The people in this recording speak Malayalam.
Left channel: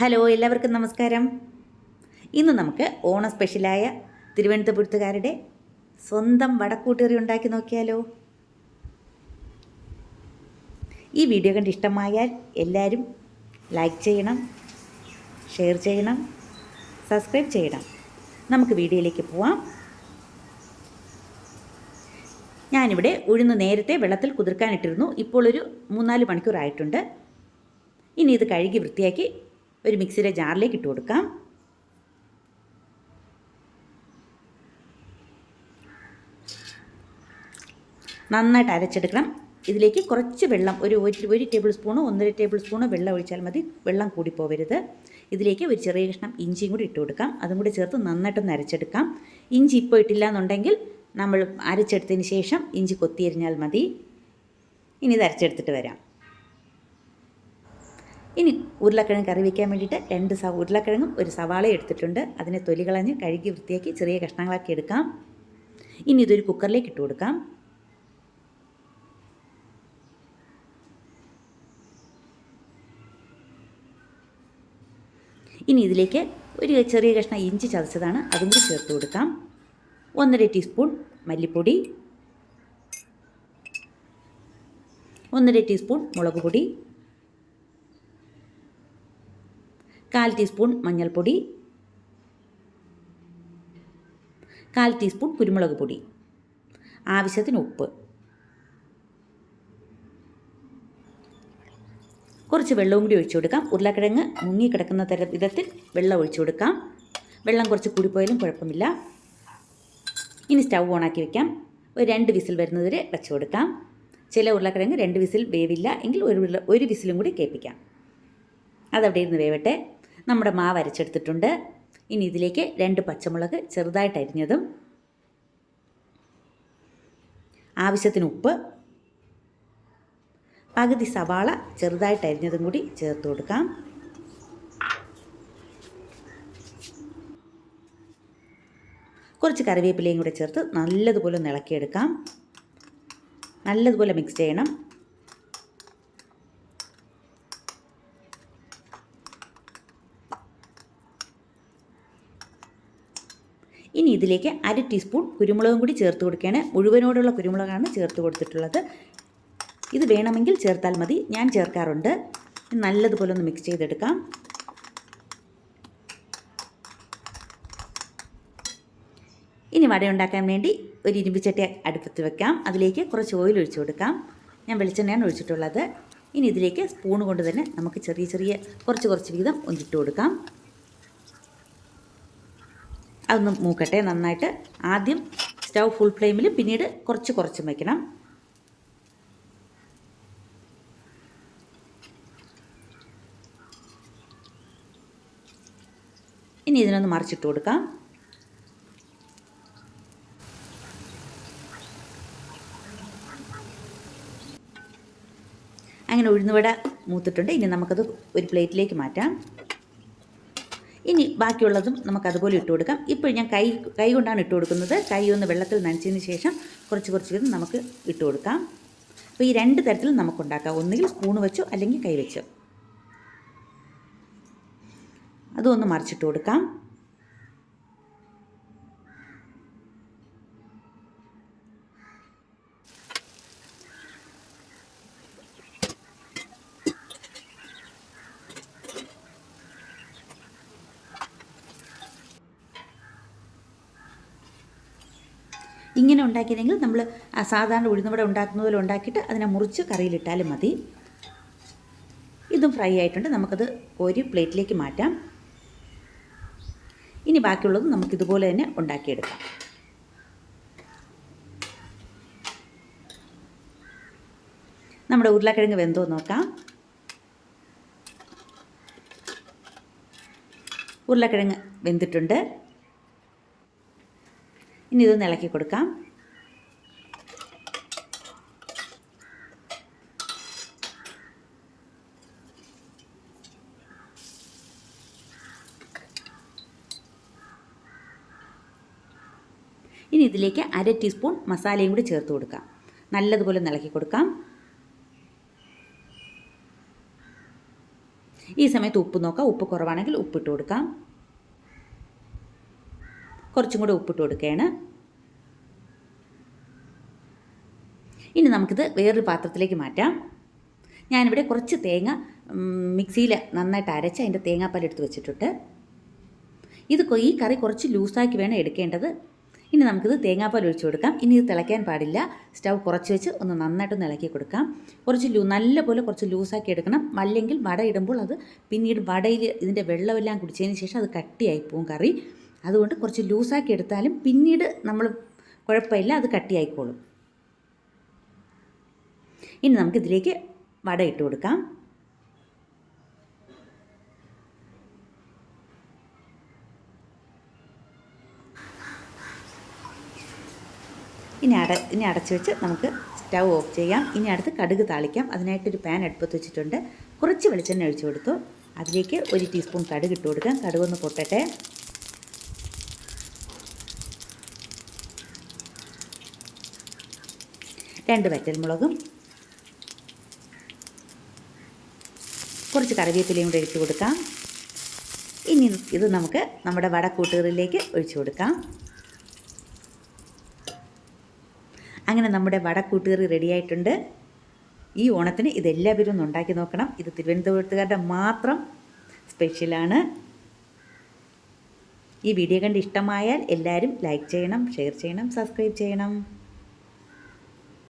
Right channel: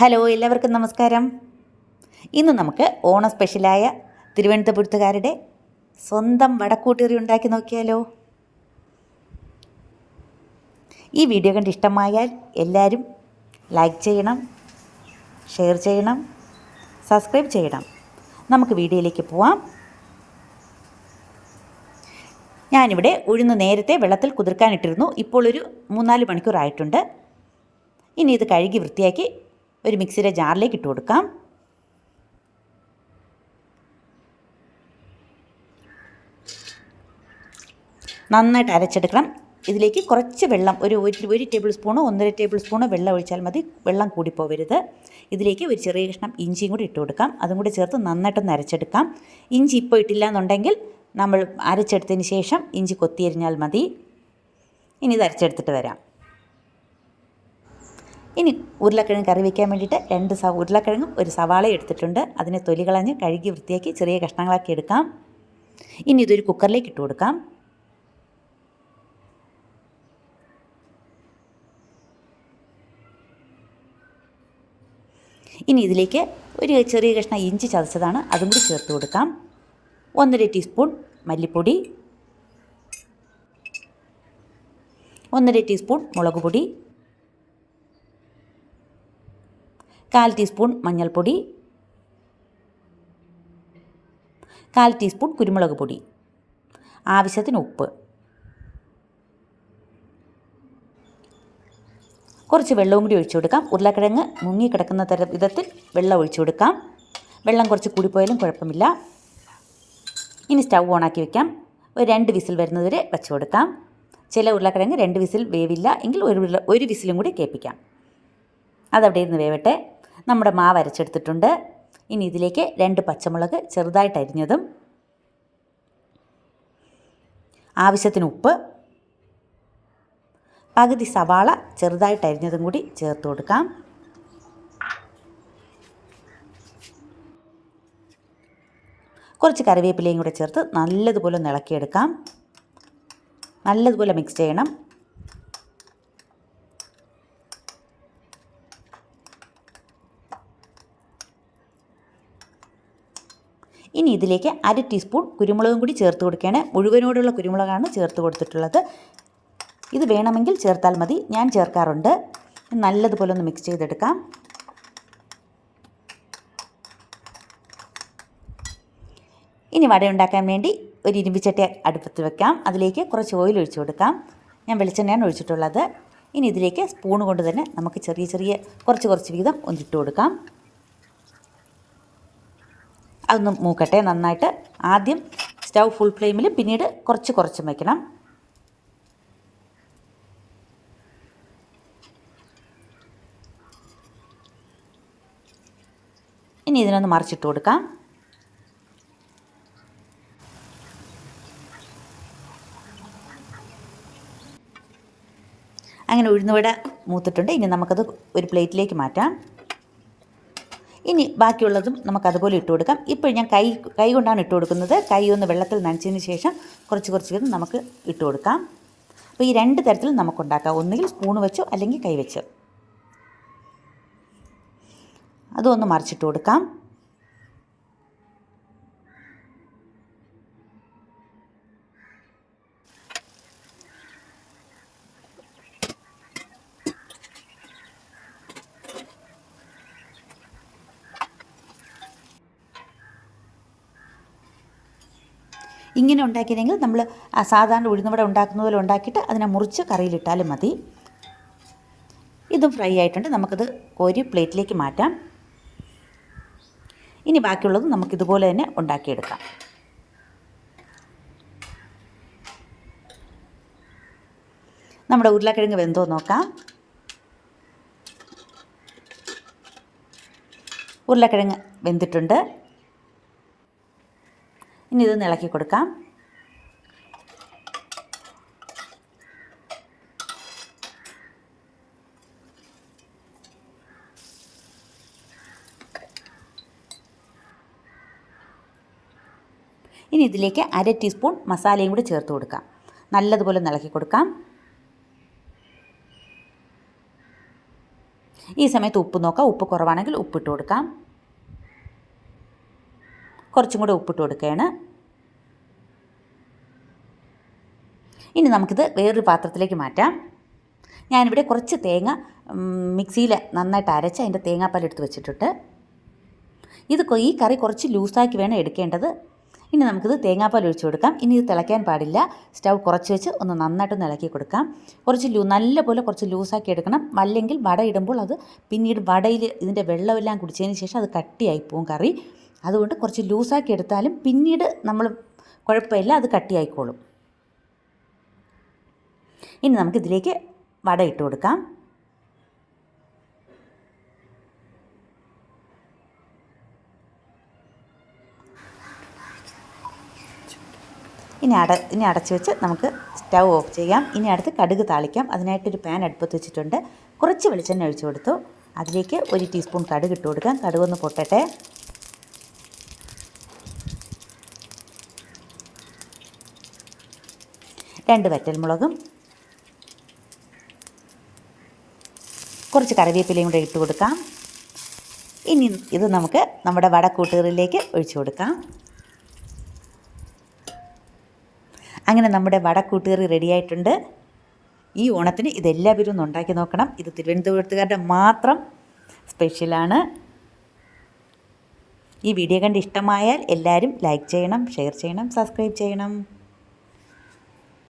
ഹലോ, എല്ലാവർക്കും നമസ്കാരം. ഇന്ന് നമുക്ക് ഓണ സ്പെഷ്യലായ തിരുവനന്തപുരത്തുകാരുടെ സ്വന്തം വടക്കൂട്ടുകറി ഉണ്ടാക്കി നോക്കിയാലോ. ഈ വീഡിയോ കണ്ട് ഇഷ്ടമായാൽ എല്ലാവരും ലൈക്ക് ചെയ്യണം, ഷെയർ ചെയ്യണം, സബ്സ്ക്രൈബ് ചെയ്യണം. നമുക്ക് വീഡിയോയിലേക്ക് പോവാം. ഞാനിവിടെ ഉഴുന്ന് നേരത്തെ വെള്ളത്തിൽ കുതിർക്കാനിട്ടിരുന്നു. ഇപ്പോൾ ഒരു 3-4 മണിക്കൂറായിട്ടുണ്ട്. ഇനി ഇത് കഴുകി വൃത്തിയാക്കി ഒരു മിക്സിയുടെ ജാറിലേക്ക് ഇട്ട് കൊടുക്കാം. നന്നായിട്ട് അരച്ചെടുക്കണം. ഇതിലേക്ക് കുറച്ച് വെള്ളം, ഒരു ടേബിൾ സ്പൂണോ 1.5 ടേബിൾ സ്പൂണോ വെള്ളം ഒഴിച്ചാൽ മതി. വെള്ളം കൂടിപ്പോവരുത്. ഇതിലേക്ക് ഒരു ചെറിയ കഷ്ണം ഇഞ്ചിയും കൂടി ഇട്ട് കൊടുക്കാം. അതും കൂടി ചേർത്ത് നന്നായിട്ടൊന്ന് അരച്ചെടുക്കാം. ഇഞ്ചി ഇപ്പോൾ ഇട്ടില്ല എന്നുണ്ടെങ്കിൽ നമ്മൾ അരച്ചെടുത്തതിന് ശേഷം ഇഞ്ചി കൊത്തിയരിഞ്ഞാൽ മതി. ഇനി ഇത് അരച്ചെടുത്തിട്ട് വരാം. ഇനി ഉരുളക്കിഴങ്ങ് കറി വയ്ക്കാൻ വേണ്ടിയിട്ട് 2 ഉരുളക്കിഴങ്ങും ഒരു സവാളയും എടുത്തിട്ടുണ്ട്. അതിനെ തൊലി കളഞ്ഞ് കഴുകി വൃത്തിയാക്കി ചെറിയ കഷ്ണങ്ങളാക്കി എടുക്കാം. ഇനി ഇതൊരു കുക്കറിലേക്ക് ഇട്ട് കൊടുക്കാം. ഇനി ഇതിലേക്ക് ഒരു ചെറിയ കഷ്ണം ഇഞ്ചി ചതച്ചതാണ്, അതും കൂടി ചേർത്ത് കൊടുക്കാം. 1.5 ടീസ്പൂൺ മല്ലിപ്പൊടി, 1.5 ടീസ്പൂൺ മുളക് പൊടി, 1/4 ടീസ്പൂൺ മഞ്ഞൾപ്പൊടി, 1/4 ടീസ്പൂൺ കുരുമുളക് പൊടി, ആവശ്യത്തിന് ഉപ്പ്, കുറച്ച് വെള്ളവും കൂടി ഒഴിച്ചു കൊടുക്കാം. ഉരുളക്കിഴങ്ങ് മുങ്ങിക്കിടക്കുന്ന വിധത്തിൽ വെള്ളം ഒഴിച്ചു കൊടുക്കാം. വെള്ളം കുറച്ച് കൂടിപ്പോയാലും കുഴപ്പമില്ല. ഇനി സ്റ്റൗ ഓണാക്കി വയ്ക്കാം. ഒരു 2 വിസിൽ വരുന്നതുവരെ വെച്ച് കൊടുക്കാം. ചില ഉരുളക്കിഴങ്ങ് 2 വിസിൽ വേവില്ല എങ്കിൽ ഒരു വിസിലും കൂടി കേൾപ്പിക്കാം. അതവിടെ ഇരുന്ന് വേവട്ടെ. നമ്മുടെ മാവ് അരച്ചെടുത്തിട്ടുണ്ട്. ഇനി ഇതിലേക്ക് 2 പച്ചമുളക് ചെറുതായിട്ട് അരിഞ്ഞതും, ആവശ്യത്തിന് ഉപ്പ്, പകുതി സവാള ചെറുതായിട്ട് അരിഞ്ഞതും കൂടി ചേർത്ത് കൊടുക്കാം. കുറച്ച് കറിവേപ്പിലയും കൂടെ ചേർത്ത് നല്ലതുപോലെ ഒന്ന് ഇളക്കിയെടുക്കാം. നല്ലതുപോലെ മിക്സ് ചെയ്യണം. ഇനി ഇതിലേക്ക് 1/2 ടീസ്പൂൺ കുരുമുളകും കൂടി ചേർത്ത് കൊടുക്കുകയാണ്. മുഴുവനോടുള്ള കുരുമുളകാണ് ചേർത്ത് കൊടുത്തിട്ടുള്ളത്. ഇത് വേണമെങ്കിൽ ചേർത്താൽ മതി, ഞാൻ ചേർക്കാറുണ്ട്. നല്ലതുപോലെ ഒന്ന് മിക്സ് ചെയ്തെടുക്കാം. ഇനി വട ഉണ്ടാക്കാൻ വേണ്ടി ഒരു ഇരുമ്പിച്ചട്ടി അടുപ്പത്ത് വെക്കാം. അതിലേക്ക് കുറച്ച് ഓയിൽ ഒഴിച്ചു കൊടുക്കാം. ഞാൻ വെളിച്ചെണ്ണയാണ് ഒഴിച്ചിട്ടുള്ളത്. ഇനി ഇതിലേക്ക് സ്പൂൺ കൊണ്ട് തന്നെ നമുക്ക് ചെറിയ കുറച്ച് വീതം ഒന്നിട്ട് കൊടുക്കാം. അതൊന്ന് മൂക്കട്ടെ നന്നായിട്ട്. ആദ്യം സ്റ്റൗ ഫുൾ ഫ്ലെയിമിൽ, പിന്നീട് കുറച്ചും വയ്ക്കണം. ഇനി ഇതിനൊന്ന് മറിച്ചിട്ട് കൊടുക്കാം. അങ്ങനെ ഉഴുന്നുവട മൂത്തിട്ടുണ്ട്. ഇനി നമുക്കത് ഒരു പ്ലേറ്റിലേക്ക് മാറ്റാം. ഇനി ബാക്കിയുള്ളതും നമുക്കതുപോലെ ഇട്ട് കൊടുക്കാം. ഇപ്പോൾ ഞാൻ കൈ കൊണ്ടാണ് ഇട്ട് കൊടുക്കുന്നത്. കൈ ഒന്ന് വെള്ളത്തിൽ നനച്ചതിന് ശേഷം കുറച്ച് വീതം നമുക്ക് ഇട്ട് കൊടുക്കാം. അപ്പോൾ ഈ 2 തരത്തിൽ നമുക്കുണ്ടാക്കാം. ഒന്നുകിൽ സ്പൂൺ വെച്ചോ അല്ലെങ്കിൽ കൈ വെച്ചോ. അതൊന്ന് മറിച്ചിട്ട് കൊടുക്കാം. ഇങ്ങനെ ഉണ്ടാക്കിയെങ്കിൽ നമ്മൾ സാധാരണ ഉഴുന്നുവട ഉണ്ടാക്കുന്ന പോലെ ഉണ്ടാക്കിയിട്ട് അതിനെ മുറിച്ച് കറിയിലിട്ടാലും മതി. ഇതും ഫ്രൈ ആയിട്ടുണ്ട്. നമുക്കത് ഒരു പ്ലേറ്റിലേക്ക് മാറ്റാം. ഇനി ബാക്കിയുള്ളത് നമുക്കിതുപോലെ തന്നെ ഉണ്ടാക്കിയെടുക്കാം. നമ്മുടെ ഉരുളക്കിഴങ്ങ് വെന്തോ നോക്കാം. ഉരുളക്കിഴങ്ങ് വെന്തിട്ടുണ്ട്. ഇനി ഇതൊന്ന് ഇളക്കി കൊടുക്കാം. ഇനി ഇതിലേക്ക് 1/2 ടീസ്പൂൺ മസാലയും കൂടി ചേർത്ത് കൊടുക്കാം. നല്ലതുപോലെ ഇളക്കി കൊടുക്കാം. ഈ സമയത്ത് ഉപ്പ് നോക്കാം. ഉപ്പ് കുറവാണെങ്കിൽ ഉപ്പിട്ട് കൊടുക്കാം. കുറച്ചും കൂടെ ഉപ്പിട്ട് കൊടുക്കുകയാണ്. ഇനി നമുക്കിത് വേറൊരു പാത്രത്തിലേക്ക് മാറ്റാം. ഞാനിവിടെ കുറച്ച് തേങ്ങ മിക്സിയിൽ നന്നായിട്ട് അരച്ച് അതിൻ്റെ തേങ്ങാപ്പാൽ എടുത്ത് വെച്ചിട്ടുണ്ട്. ഈ കറി കുറച്ച് ലൂസാക്കി വേണം എടുക്കേണ്ടത്. ഇനി നമുക്കിത് തേങ്ങാപ്പാൽ ഒഴിച്ച് കൊടുക്കാം. ഇനി ഇത് തിളയ്ക്കാൻ പാടില്ല. സ്റ്റൗ കുറച്ച് വെച്ച് ഒന്ന് നന്നായിട്ടൊന്ന് ഇളക്കി കൊടുക്കാം. നല്ലപോലെ കുറച്ച് ലൂസാക്കി എടുക്കണം. അല്ലെങ്കിൽ വട ഇടുമ്പോൾ അത് പിന്നീട് വടയിൽ ഇതിൻ്റെ വെള്ളമെല്ലാം കുടിച്ചതിന് ശേഷം അത് കട്ടിയായി പോവും കറി. അതുകൊണ്ട് കുറച്ച് ലൂസാക്കി എടുത്താലും പിന്നീട് നമ്മൾ കുഴപ്പമില്ല, അത് കട്ടിയായിക്കോളും. ഇനി നമുക്കിതിലേക്ക് വട ഇട്ട് കൊടുക്കാം. ഇനി അടച്ച് വെച്ച് നമുക്ക് സ്റ്റൗ ഓഫ് ചെയ്യാം. ഇനി അടുത്ത് കടുക് താളിക്കാം. അതിനായിട്ടൊരു പാൻ അടുപ്പത്ത് വെച്ചിട്ടുണ്ട്. കുറച്ച് വെളിച്ചെണ്ണ ഒഴിച്ച് കൊടുത്തു. അതിലേക്ക് 1 ടീസ്പൂൺ കടുക് ഇട്ട് കൊടുക്കാം. കടുകൊന്ന് പൊട്ടട്ടെ. രണ്ട് വറ്റൽമുളകും കുറച്ച് കറിവേപ്പിലയും കൂടെ ഇട്ട് കൊടുക്കാം. ഇനി ഇത് നമുക്ക് നമ്മുടെ വടക്കൂട്ടുകറിയിലേക്ക് ഒഴിച്ചു കൊടുക്കാം. അങ്ങനെ നമ്മുടെ വടക്കൂട്ടുകറി റെഡിയായിട്ടുണ്ട്. ഈ ഓണത്തിന് ഇതെല്ലാവരും ഒന്ന് ഉണ്ടാക്കി നോക്കണം. ഇത് തിരുവനന്തപുരത്തുകാരുടെ മാത്രം സ്പെഷ്യലാണ്. ഈ വീഡിയോ കണ്ട് ഇഷ്ടമായാൽ എല്ലാവരും ലൈക്ക് ചെയ്യണം, ഷെയർ ചെയ്യണം, സബ്സ്ക്രൈബ് ചെയ്യണം.